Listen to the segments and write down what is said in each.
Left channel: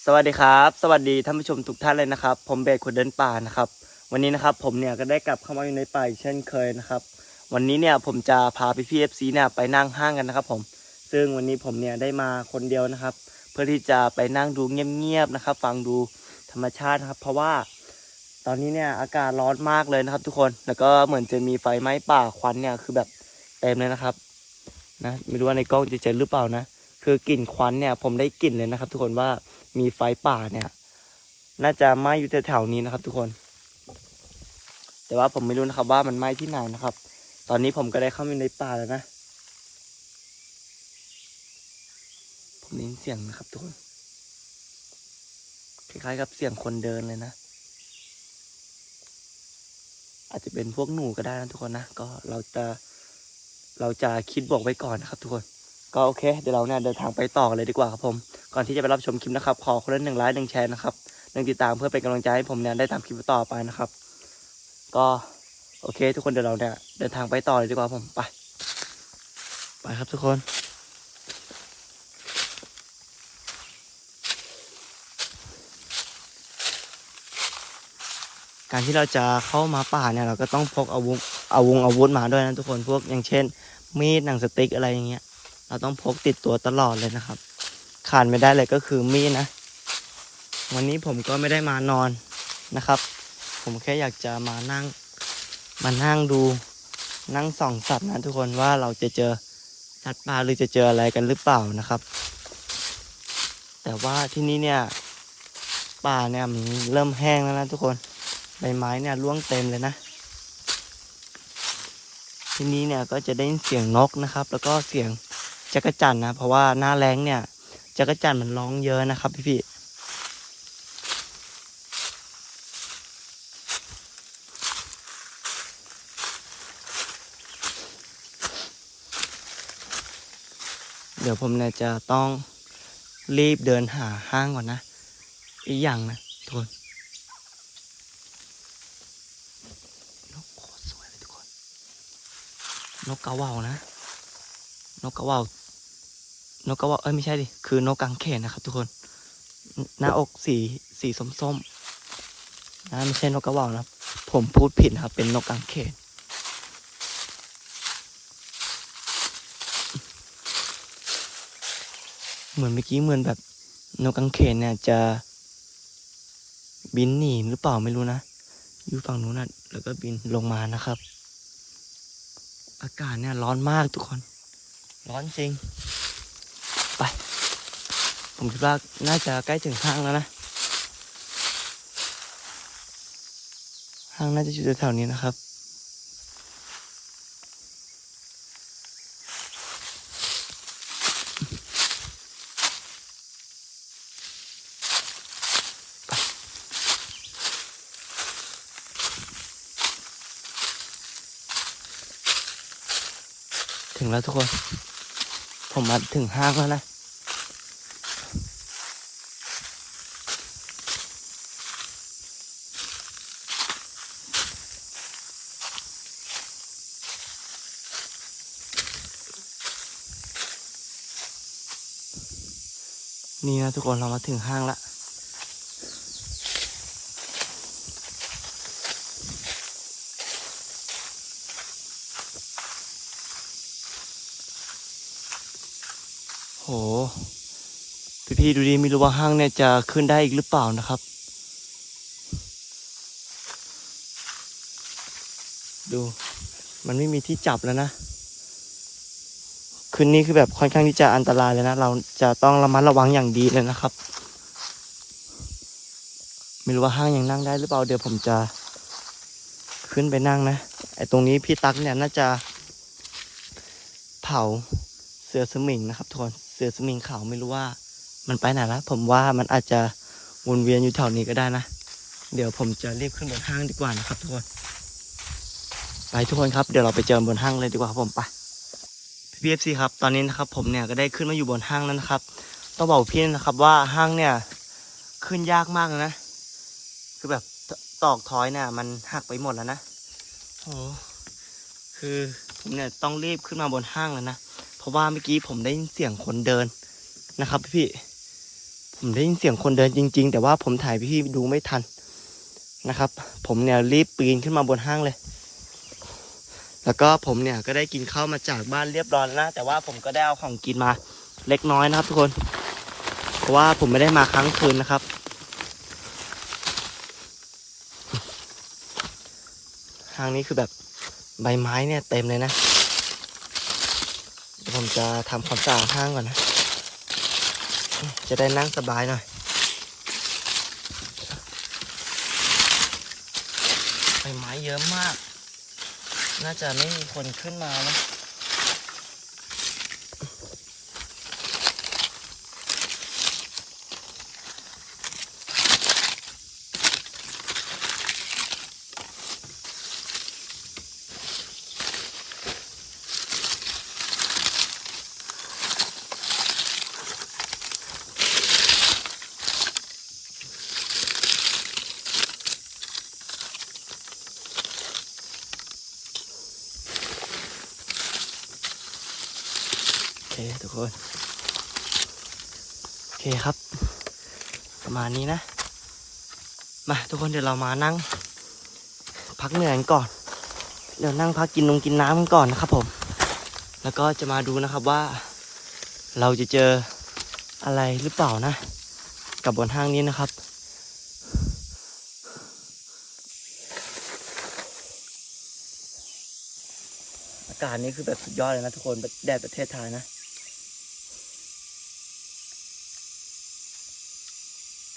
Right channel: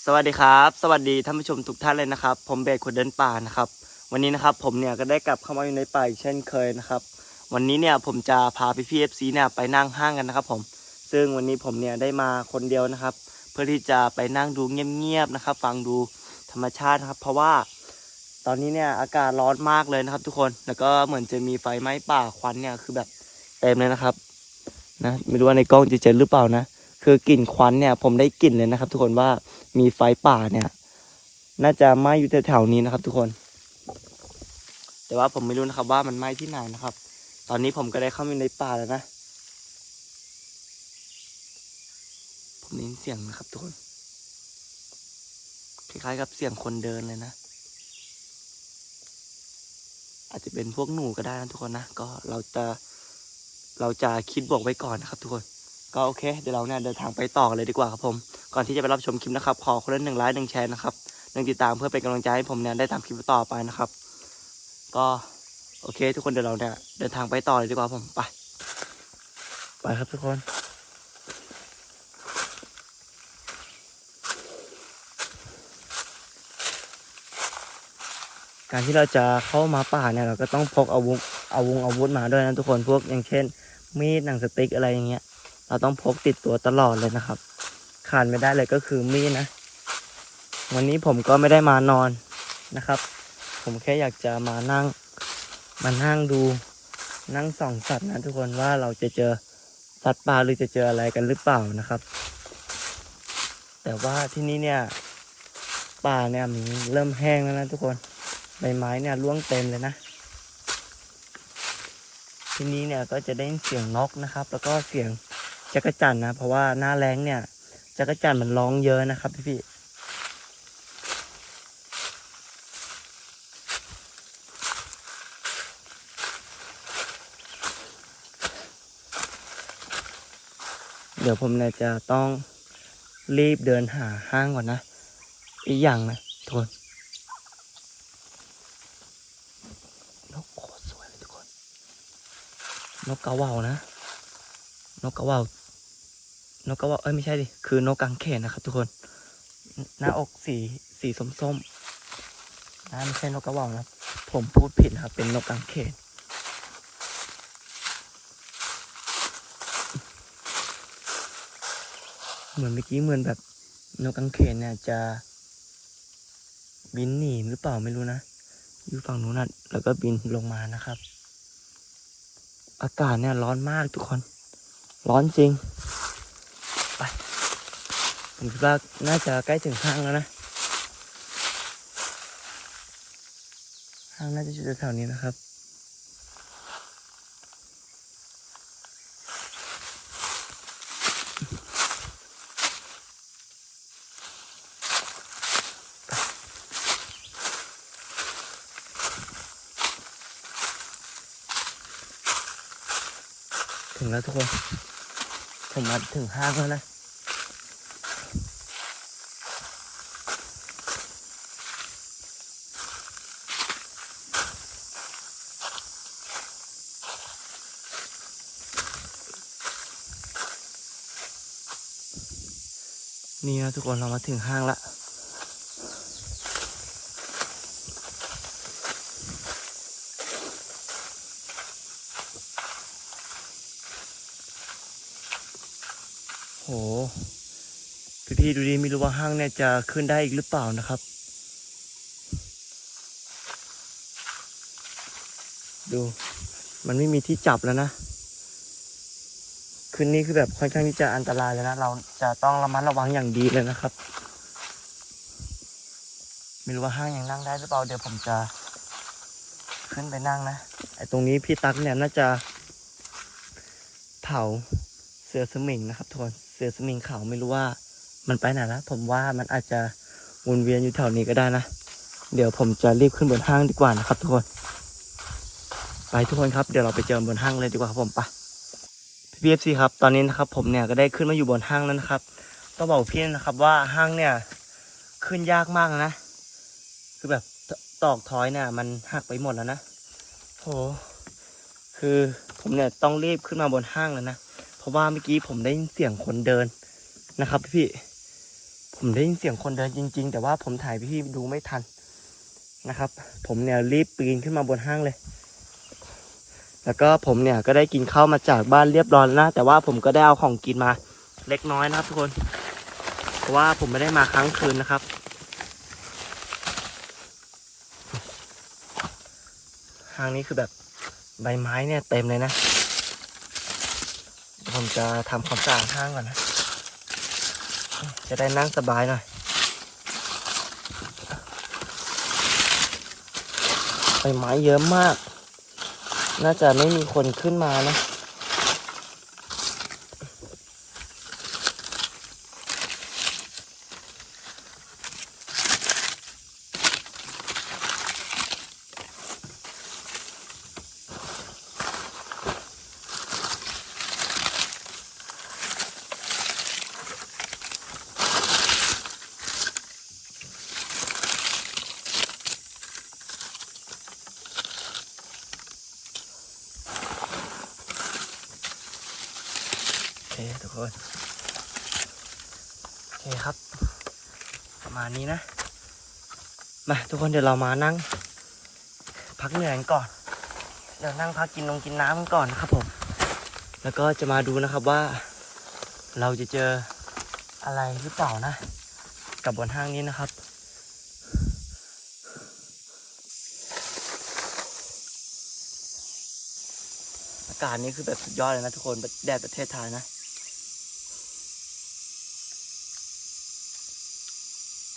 สวัสดีครับ สวัสดีท่านผู้ชมทุกท่านเลยนะครับ ผมเบสคนเดินป่านะครับ วันนี้นะครับผมเนี่ยก็ได้กลับเข้ามาอยู่ในป่าอีกเช่นเคยนะครับ วันนี้เนี่ยผมจะพาพี่พีเอฟซีเนี่ยไปนั่งห้างกันนะครับ ผม ซึ่งวันนี้ผมเนี่ยได้มาคนเดียวนะครับ เพื่อที่จะไปนั่งดูเงียบๆนะครับ ฟังดูธรรมชาตินะครับ เพราะว่า ตอนนี้เนี่ยอากาศร้อนมากเลยนะครับ ทุกคน แล้วก็เหมือนจะมีไฟไหม้ป่าควันเนี่ยคือแบบเต็มเลยนะครับ นะไม่รู้ว่าในกล้องจะเจอหรือเปล่านะ คือกลิ่นควันเนี่ย ผมได้กลิ่นเลยนะครับ ทุกคนว่ามีไฟป่าเนี่ย น่าจะไหม้อยู่แถวๆนี้นะครับ ทุกคน แต่ว่าผมไม่รู้นะครับ ว่ามันไหม้ที่ไหนนะครับ ตอนนี้ผมก็ได้เข้ามาในป่าแล้วนะผมได้ยินเสียงนะครับ ทุกคนคล้ายๆกับเสียงคนเดินเลยนะอาจจะเป็นพวกหนูก็ได้นะทุกคนนะก็เราจะเราจะคิดบวกไว้ก่อนนะครับ ทุกคน ก็โอเค เดี๋ยวเราเนี่ยเดินทางไปต่อเลยดีกว่าครับผม ก่อนที่จะไปรับชมคลิปนะครับ ขอคนละหนึ่งไลค์หนึ่งแชร์นะครับหนึ่งติดตามเพื่อเป็นกำลังใจให้ผมเนี่ยได้ทำคลิปต่อไปนะครับ ก็โอเค ทุกคนเดี๋ยวเราเนี่ยเดินทางไปต่อเลยดีกว่าผมไป ไปครับทุกคนการที่เราจะเข้ามาป่าเนี่ยเราก็ต้องพกอาวุธอาวุธอาวุธมาด้วยนะทุกคนพวกอย่างเช่น มีดหนังสติ๊กอะไรอย่างเงี้ย เราต้องพกติดตัวตลอดเลยนะครับ ขาดไม่ได้เลยก็คือมีดนะ วันนี้ผมก็ไม่ได้มานอนนะครับ ผมแค่อยากจะมานั่ง มานั่งดู นั่งส่องสัตว์นะทุกคนว่าเราจะเจอสัตว์ป่าหรือจะเจออะไรกันหรือเปล่านะครับ แต่ว่าที่นี่เนี่ยป่าเนี่ยมันเริ่มแห้งแล้วนะทุกคนใบไม้เนี่ยร่วงเต็มเลยนะ ที่นี้เนี่ยก็จะได้เสียงนกนะครับ แล้วก็เสียง จักรจั่นนะ เพราะว่าหน้าแรงเนี่ยจักรจั่นมันร้องเยอะนะครับพี่พี่เดี๋ยวผมเนี่ยจะต้องรีบเดินหาห้างก่อนนะ อีกอย่างนะทุกคนนกโคตรสวยเลยทุกคน นกกระว่านะ นกกระว่า นกกระเหว่าเอ้ยไม่ใช่ดิ คือนกกังเขนนะครับทุกคน หน้าอกสีสีส้มๆนะไม่ใช่นกกระเหว่านะผมพูดผิดครับ เป็นนกกังเขนเหมือนเมื่อกี้เหมือนแบบนกกังเขนเนี่ยจะบินหนีหรือเปล่าไม่รู้นะ อยู่ฝั่งนู้นนะแล้วก็บินลงมานะครับ อากาศเนี่ยร้อนมากทุกคน ร้อนจริง ผมคิดว่าน่าจะใกล้ถึงห้างแล้วนะห้างน่าจะอยู่แถวๆนี้นะครับถึงแล้วทุกคน ผมมาถึงห้างแล้วนะ นี่นะทุกคนเรามาถึงห้างละโห พี่พี่ๆดูดิไม่รู้ว่าห้างเนี่ยจะขึ้นได้อีกหรือเปล่านะครับ ดู มันไม่มีที่จับแล้วนะ คืนนี้คือแบบค่อนข้างที่จะอันตรายเลยนะ เราจะต้องระมัดระวังอย่างดีเลยนะครับ ไม่รู้ว่าห้างยังนั่งได้หรือเปล่าเดี๋ยวผมจะ ขึ้นไปนั่งนะไอ้ตรงนี้พี่ตั๊กเนี่ยน่าจะเผาเสือสมิงนะครับทุกคนเสือสมิงขาวไม่รู้ว่ามันไปไหนแล้วผมว่ามันอาจจะวนเวียนอยู่แถวนี้ก็ได้นะ เดี๋ยวผมจะรีบขึ้นบนห้างดีกว่านะครับทุกคน ไปทุกคนครับ เดี๋ยวเราไปเจอบนห้างเลยดีกว่าครับผมไป พี่เอฟซีครับ ตอนนี้นะครับผมเนี่ยก็ได้ขึ้นมาอยู่บนห้างแล้วนะครับ ต้องบอกพี่นะครับว่าห้างเนี่ยขึ้นยากมากนะ คือแบบตอกทอยเนี่ยมันหักไปหมดแล้วนะโหคือผมเนี่ยต้องรีบขึ้นมาบนห้างแล้วนะ เพราะว่าเมื่อกี้ผมได้ยินเสียงคนเดินนะครับพี่ ผมได้ยินเสียงคนเดินจริง ๆ แต่ว่าผมถ่ายพี่ดูไม่ทันนะครับ ผมเนี่ยรีบปีนขึ้นมาบนห้างเลย แล้วก็ผมเนี่ยก็ได้กินข้าวมาจากบ้านเรียบร้อยแล้วนะ แต่ว่าผมก็ได้เอาของกินมาเล็กน้อยนะครับทุกคน เพราะว่าผมไม่ได้มาค้างคืนนะครับห้างนี้คือแบบใบไม้เนี่ยเต็มเลยนะ ผมจะทำความสะอาดห้างก่อนนะ จะได้นั่งสบายหน่อยใบไม้เยอะมาก น่าจะไม่มีคนขึ้นมานะ คนโอเคครับ ประมาณนี้นะ มาทุกคนเดี๋ยวเรามานั่ง พักเหนื่อยกันก่อน เดี๋ยวนั่งพักกินนงกินน้ำกันก่อนนะครับผม แล้วก็จะมาดูนะครับว่า เราจะเจออะไรหรือเปล่านะ กับบนห้างนี้นะครับอากาศนี้คือแบบสุดยอดเลยนะทุกคนแดดประเทศไทยนะ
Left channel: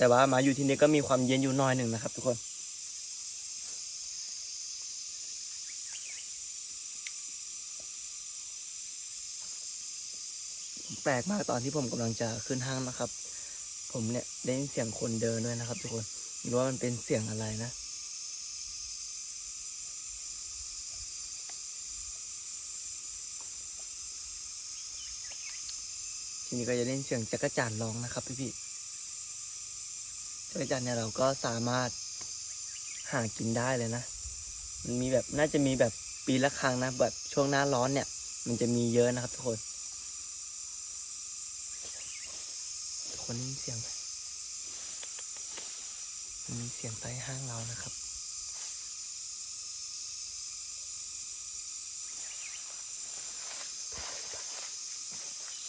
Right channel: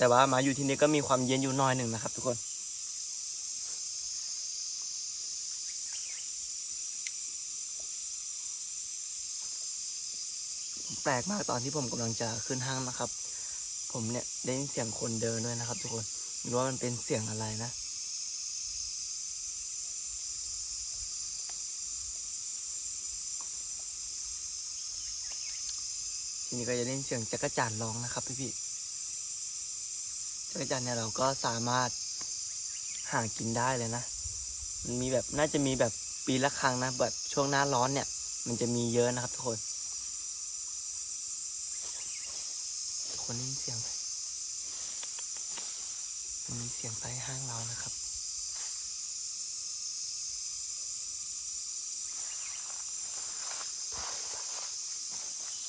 แต่ว่ามาอยู่ที่นี่ก็มีความเย็นอยู่น้อยหนึ่งนะครับ ทุกคนแปลกมากตอนที่ผมกำลังจะขึ้นห้างนะครับ ผมเนี่ยได้ยินเสียงคนเดินด้วยนะครับ ทุกคนไม่รู้ว่ามันเป็นเสียงอะไรนะทีนี้ก็จะได้ยินเสียงจักรจันร์ร้องนะครับพี่พี่ ๆจักจันเนี่ยเราก็สามารถหากินได้เลยนะ มันมีแบบน่าจะมีแบบปีละครั้งนะแบบช่วงหน้าร้อนเนี่ย มันจะมีเยอะนะครับทุกคน ทุกคนได้ยินเสียงไหมมันมีเสียงใต้ห้างเรานะครับ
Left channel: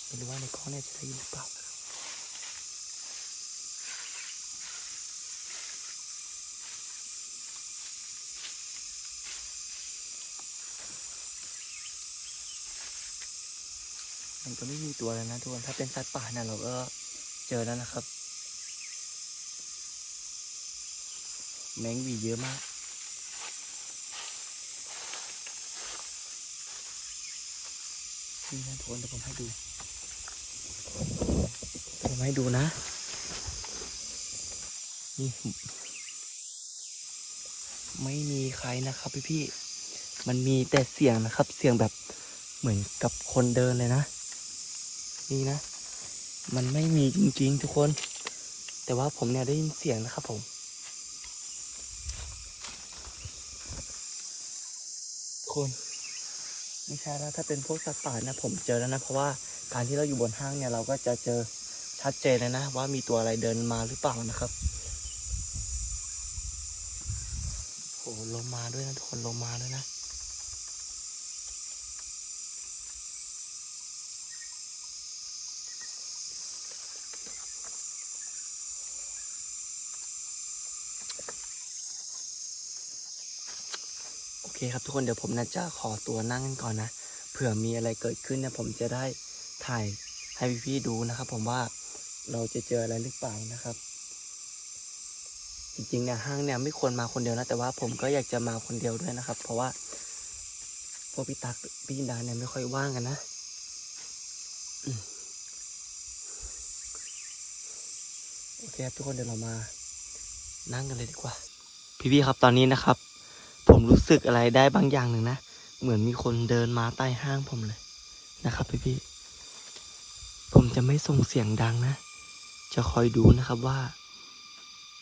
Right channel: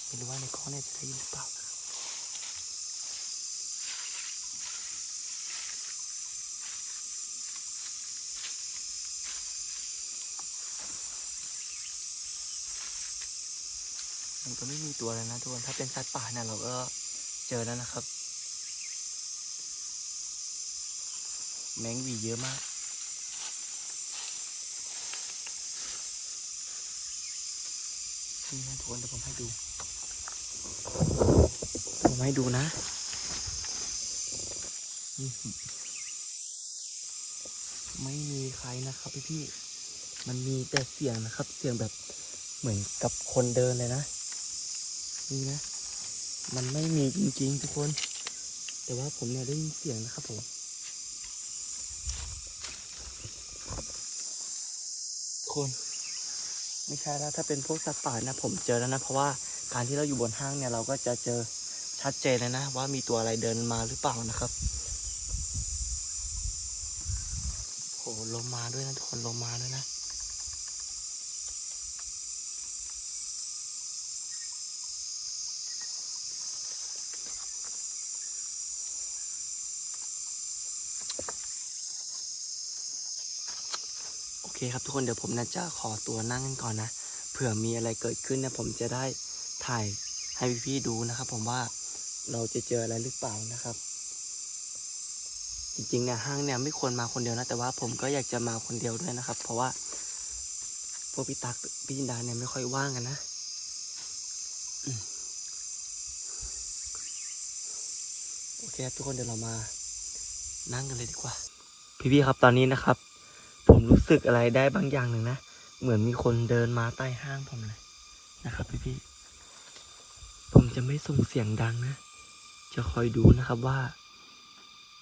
ไม่รู้ว่าในกล้องเนี่ยจะได้ยินหรือเปล่านะครับ มันก็ไม่มีตัวแล้วนะทุกคนถ้าเป็นสัตว์ป่าเนี่ยเราก็เจอแล้วนะครับ แมงวีเยอะมากนี่นะทุกคนเดี๋ยวผมให้ดูผมให้ดูนะนี่ไม่มีใครนะครับพี่พี่มันมีแต่เสียงนะครับ เสียงแบบเหมือนกับคนเดินเลยนะ นี่นะ มันไม่มีจริงๆทุกคน แต่ว่าผมเนี่ยได้ยินเสียงนะครับผมทุกคนไม่ใช่แล้วถ้าเป็นพวกสัตว์ป่านะ ผมเจอแล้วนะ เพราะว่าการที่เราอยู่บนห้างเนี่ยเราก็จะเจอชัดเจนเลยนะ ว่ามีตัวอะไรเดินมาหรือเปล่านะครับโหลมมาด้วยนะทุกคนลมมาด้วยนะ เคครับทุกคนเดี๋ยวผมนะจะขอตัวนั่งกันก่อนนะเผื่อมีอะไรเกิดขึ้นเนี่ยผมจะได้ถ่ายให้พี่ๆดูนะครับ ผมว่าเราจะเจออะไรหรือเปล่านะครับ จริงๆเนี่ยห้างเนี่ยไม่ควรมาคนเดียวนะ แต่ว่าผมก็อยากจะมาคนเดียวด้วยนะครับ เพราะว่าพวกพี่ตักพี่จินดาเนี่ยไม่ค่อยว่างกันนะโอเคทุกคนเดี๋ยวเรามานั่งกันเลยดีกว่า พี่ๆครับตอนนี้นะครับ ผมรู้สึกอะไรได้บางอย่างหนึ่งนะ เหมือนมีคนเดินมาใต้ห้างผมเลยนะครับพี่พี่ๆผมจะไม่ส่งเสียงดังนะ จะคอยดูนะครับว่า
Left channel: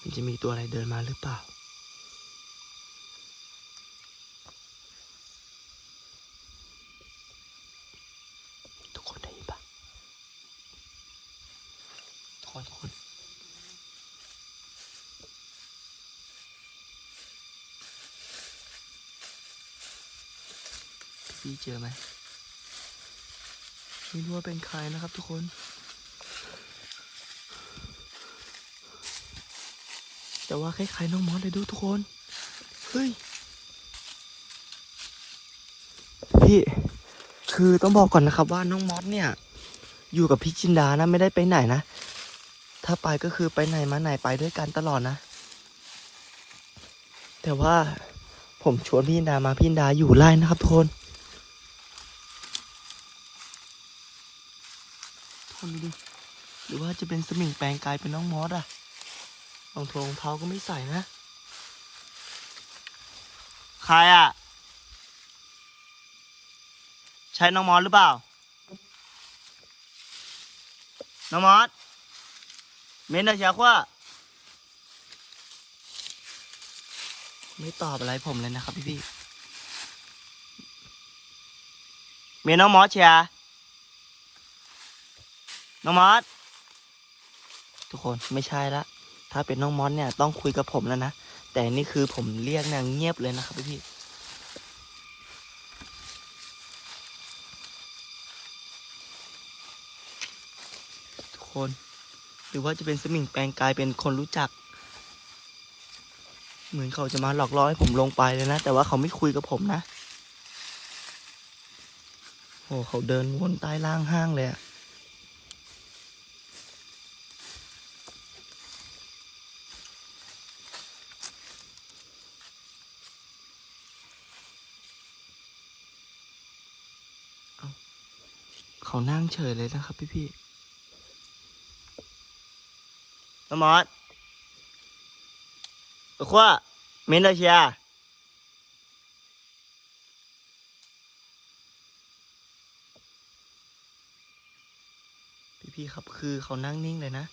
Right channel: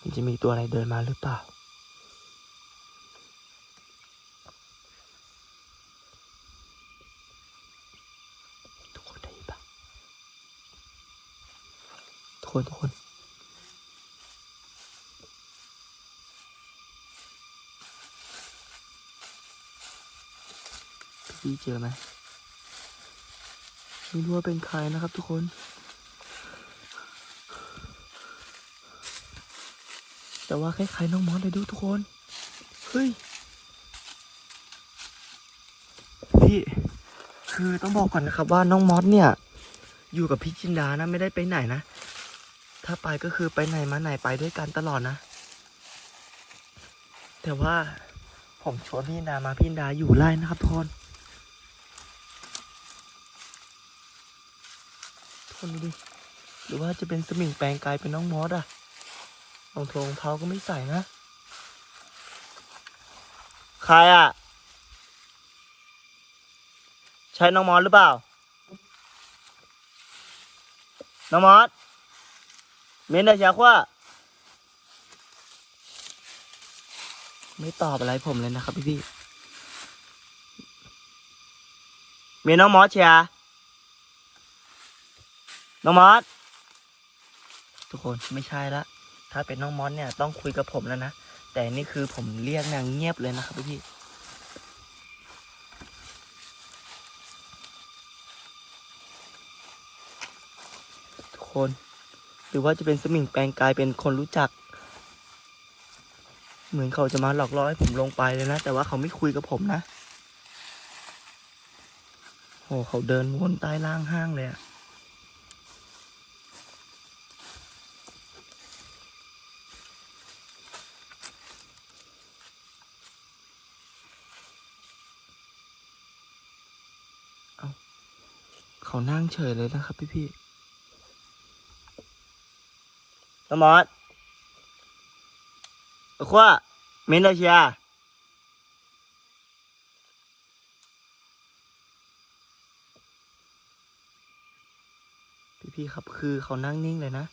มันจะมีตัวอะไรเดินมาหรือเปล่า ทุกคนได้ยินปะทุกคนทุกคน พี่เจอไหมไม่รู้ว่าเป็นใครนะครับทุกคนแต่ว่าคล้ายๆน้องมอสเลยดูทุกคน เฮ้ย พี่ คือต้องบอกก่อนนะครับว่าน้องมอสเนี่ย อยู่กับพี่จินดานะไม่ได้ไปไหนนะ ถ้าไปก็คือไปไหนมาไหนไปด้วยกันตลอดนะ แต่ว่าผมชวนพี่จินดามาพี่จินดาอยู่ไล่นะครับทุกคนทุก คนดูดิ หรือว่าจะเป็นสมิงแปลงกายเป็นน้องมอสอะรองทงรองเท้าก็ไม่ใส่นะ ใครอะใช่น้องมอสหรือเปล่า น้องมอสเมนไดาชาขว่า ไม่ตอบอะไรผมเลยนะครับพี่พี่เมนน้องมอสเชียร์ น้องมอสทุกคนไม่ใช่ละ ถ้าเป็นน้องมอสเนี่ยต้องคุยกับผมแล้วนะ แต่นี่คือผมเรียกนางเงียบเลยนะครับพี่ทุกคน หรือว่าจะเป็นสมิงแปลงกายเป็นคนรู้จัก เหมือนเขาจะมาหลอกล่อให้ผมลงไปเลยนะ แต่ว่าเขาไม่คุยกับผมนะโอ้เขาเดินวนใต้ล่างห้างเลยอะเอาเขานั่ งเฉยเลยนะครับพี่พี่ๆน้องมอสเอาขว่าเมนดาเชียพี่ๆครับคือเขานั่งนิ่งเลยนะ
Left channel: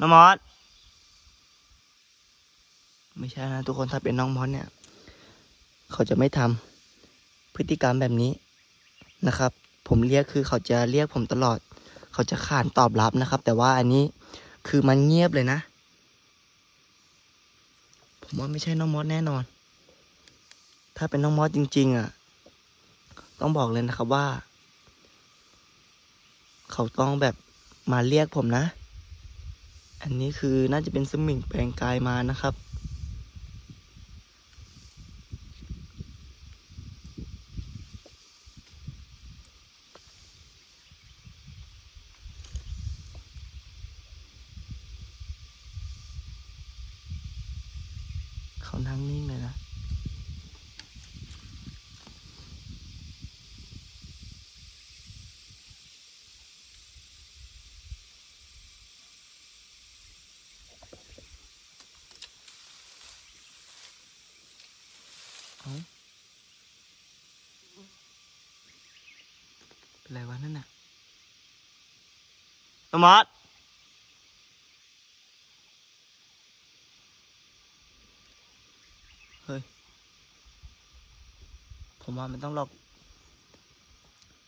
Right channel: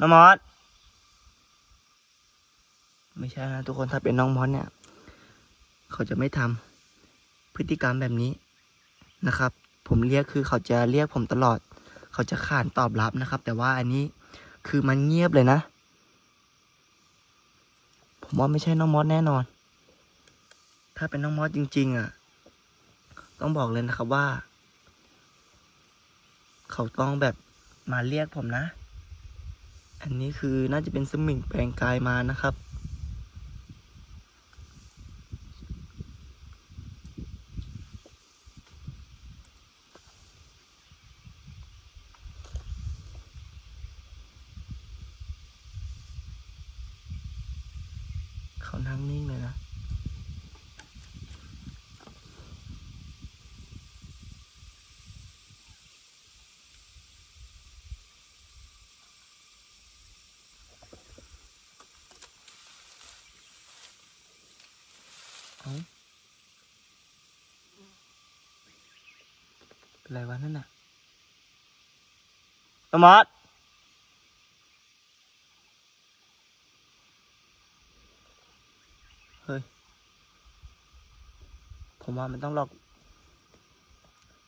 น้องมอสไม่ใช่นะทุกคนถ้าเป็นน้องมอสเนี่ย เขาจะไม่ทำพฤติกรรมแบบนี้นะครับ ผมเรียกคือเขาจะเรียกผมตลอด เขาจะขานตอบรับนะครับ แต่ว่าอันนี้คือมันเงียบเลยนะ ผมว่าไม่ใช่น้องมอสแน่นอน ถ้าเป็นน้องมอสจริง ๆ อะ ต้องบอกเลยนะครับว่า เขาต้องแบบมาเรียกผมนะ อันนี้คือน่าจะเป็นสมิงแปลงกายมานะครับ เขานั่งนิ่งเลยนะ เอา เป็นไรวะนั่นน่ะตมอดเฮ้ย ผมว่ามันต้องหลอก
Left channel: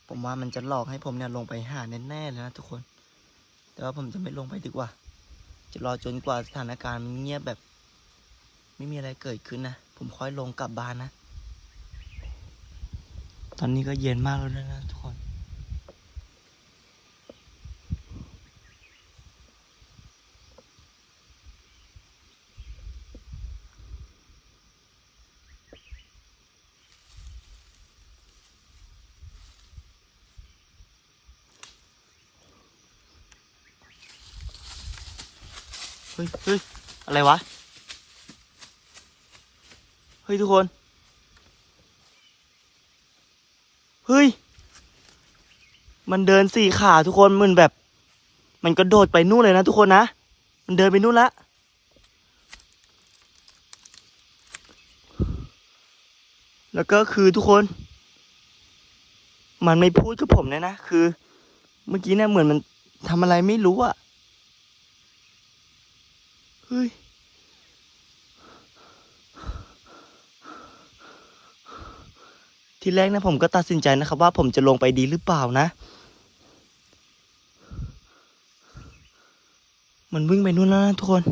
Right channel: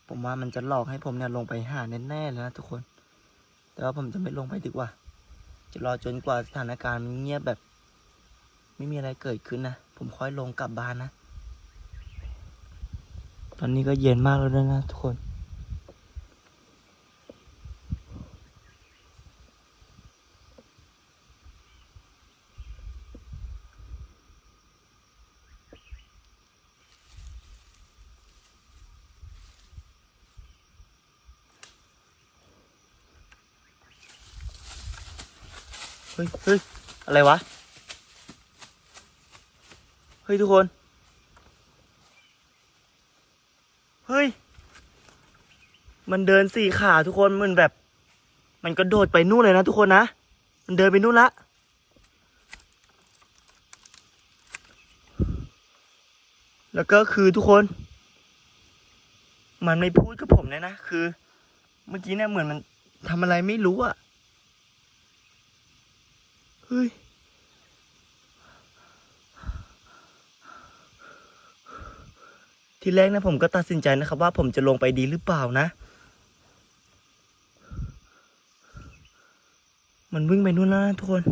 ผมว่ามันจะหลอกให้ผมเนี่ยลงไปหาแน่ๆเลยนะทุกคน แต่ว่าผมจะไม่ลงไปดีกว่า จะรอจนกว่าสถานการณ์มันเงียบแบบ ไม่มีอะไรเกิดขึ้นนะ ผมค่อยลงกลับบ้านนะ ตอนนี้ก็เย็นมากแล้วด้วยนะทุกคน ฮ้ยเฮ้ยอะไรวะ เฮ้ยทุกคน เฮ้ย มันเดินสี่ขาทุกคนมันแบบ มันกระโดดไปนู่นเลยนะทุกคนนะ มันเดินไปนู่นละ แล้วก็คือทุกคน มันไม่พูดกับผมเลยนะ คือ เมื่อกี้เนี่ยเหมือนมันทำอะไรไม่รู้อะ เฮ้ยที่แรกนะผมก็ตัดสินใจนะครับว่าผมจะลงไปดีหรือเปล่านะ มันวิ่งไปนู่นแล้วนะทุกคน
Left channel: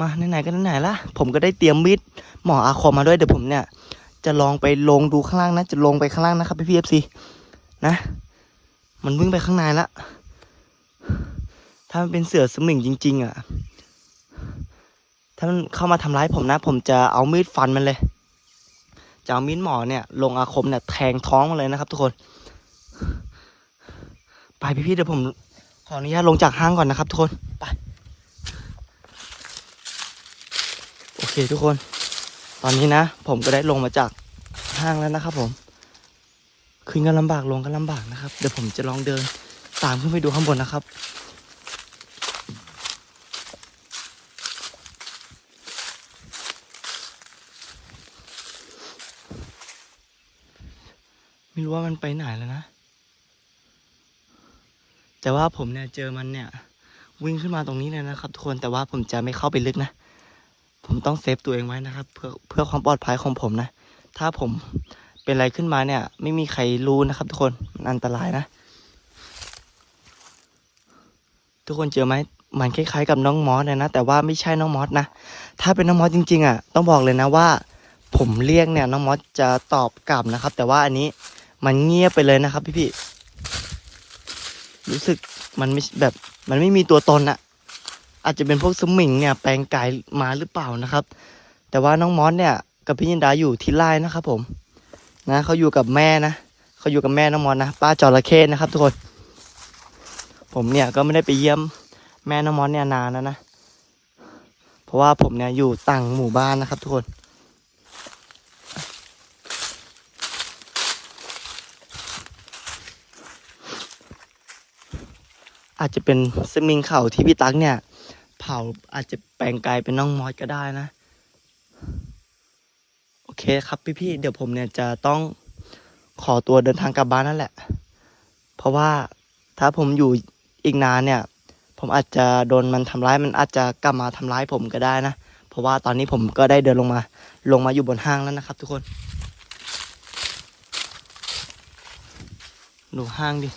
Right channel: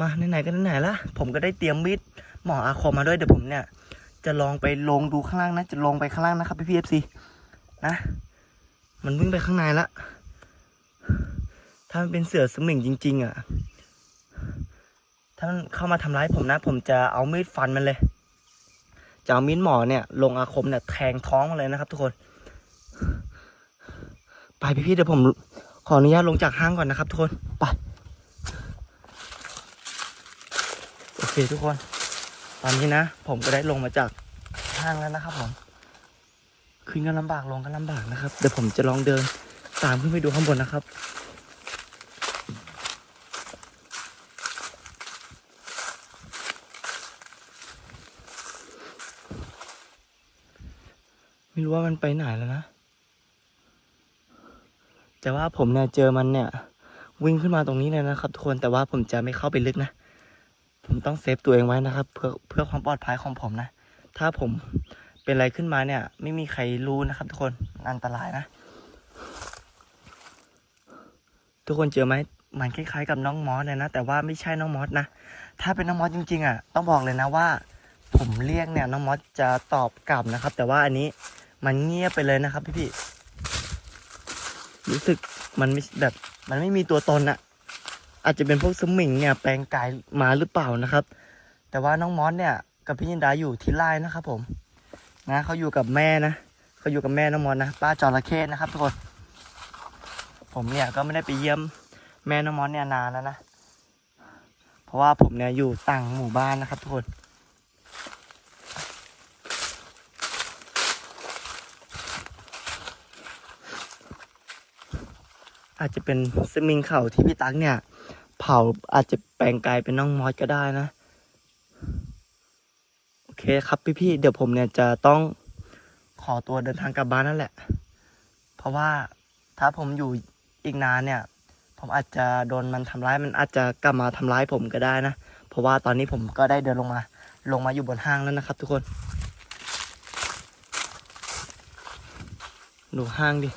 มาไหนๆก็ไหนๆละผมก็ได้เตรียมมีดหมออาคมมาด้วยเดี๋ยวผมเนี่ย จะลองไปลงดูข้างล่างนะ จะลงไปข้างล่างนะครับพี่พีเอฟซีนะ มันวิ่งไปข้างในละ ถ้ามันเป็นเสือสมิงจริง ๆ อะ ถ้ามันเข้ามาทำร้ายผมนะ ผมจะเอามีดฟันมันเลย จะเอามีดหมอเนี่ย ลงอาคมเนี่ยแทงท้องมันเลยนะครับ ทุกคน ไปพี่ๆเดี๋ยวผมขออนุญาตลงจากห้างก่อนนะครับ ทุกคน ไป โอเคทุกคน ตอนนี้นะ ผมก็ได้ลงมาจากห้างแล้วนะครับผม ขึ้นก็ลำบากลงก็ลำบากนะครับ เดี๋ยวผมจะลองเดิน ตามขึ้นไปดูข้างบนนะครับ ไม่รู้ว่ามันไปไหนแล้วนะ แต่ว่าผมเนี่ยเจอมันเนี่ย วิ่งขึ้นมาตรงนี้เลยนะครับทุกคนแต่ว่าผมจะไม่เข้าไปลึกนะ ผมต้องเซฟตัวเองไว้นะครับ เพื่อเพื่อความปลอดภัยของผมนะ ถ้าผมเป็นอะไรขึ้นมาเนี่ย ไม่มีใครรู้นะครับ ทุกคนมันอันตรายนะ ทุกคนเจอไหมมันคล้ายๆกับน้องมอสเลยนะ แต่ว่าไม่ใช่น้องมอสนะ ถ้าเป็นน้องมอสจริง ๆ อะ ต้องบอกเลยนะว่า ผมเรียกเนี่ยน้องมอสจะตอบกลับนะครับ แต่ว่าอันนี้ มันเงียบไปเลยนะครับพี่ๆรู้สึกมันไม่แบบมันไม่มีตัวตนอะอาจจะเป็นพวกสมิงเนี่ยแปลงกายมาหรือเปล่านะครับ แต่ว่าน้องมอสเนี่ยกับพี่ยินดาอยู่ที่ไร่นะครับผม นะเขาอยู่กับแม่นะเขาอยู่กับแม่น้องมอสนะป้าจระเข้นะครับ ทุกคน ผมเนี่ยก็ไม่ได้ไปเยี่ยมแม่น้องมอสเนี่ยนานแล้วนะ เพราะว่าผมเนี่ยอยู่ต่างหมู่บ้านนะครับ ทุกคน อาจจะเป็นสมิงเข่าที่พี่ตั๊กเนี่ย เผาอาจจะแปลงกายเป็นน้องมอสก็ได้นะ โอเคครับพี่ๆเดี๋ยวผมเนี่ยจะต้องขอตัวเดินทางกลับบ้านนั่นแหละ เพราะว่าถ้าผมอยู่อีกนานเนี่ย ผมอาจจะโดนมันทำร้ายมันอาจจะกลับมาทำร้ายผมก็ได้นะ เพราะว่าตอนนี้ผมก็ได้เดินลงมา ลงมาอยู่บนห้างแล้วนะครับ ทุกคนดูห้างดิ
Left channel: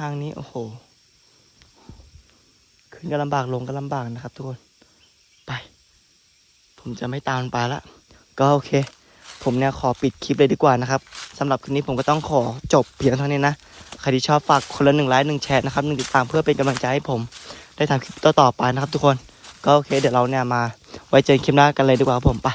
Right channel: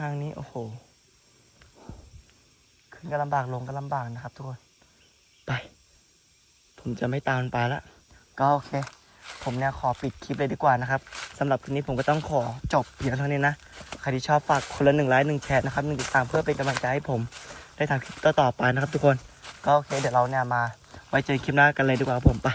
ห้างนี้โอ้โหขึ้นก็ลำบากลงก็ลำบากนะครับทุกคนไป ผมจะไม่ตามมันไปละก็โอเค ผมเนี่ยขอปิดคลิปเลยดีกว่านะครับสำหรับคลิปนี้ผมก็ต้องขอจบเพียงเท่านี้นะใครที่ชอบฝากคนละหนึ่งไลค์หนึ่งแชร์นะครับหนึ่งติดตามเพื่อเป็นกำลังใจให้ผม ได้ทำคลิปต่อๆไปนะครับทุกคนก็โอเค เดี๋ยวเราเนี่ยมาไว้เจอคลิปหน้ากันเลยดีกว่าผมไป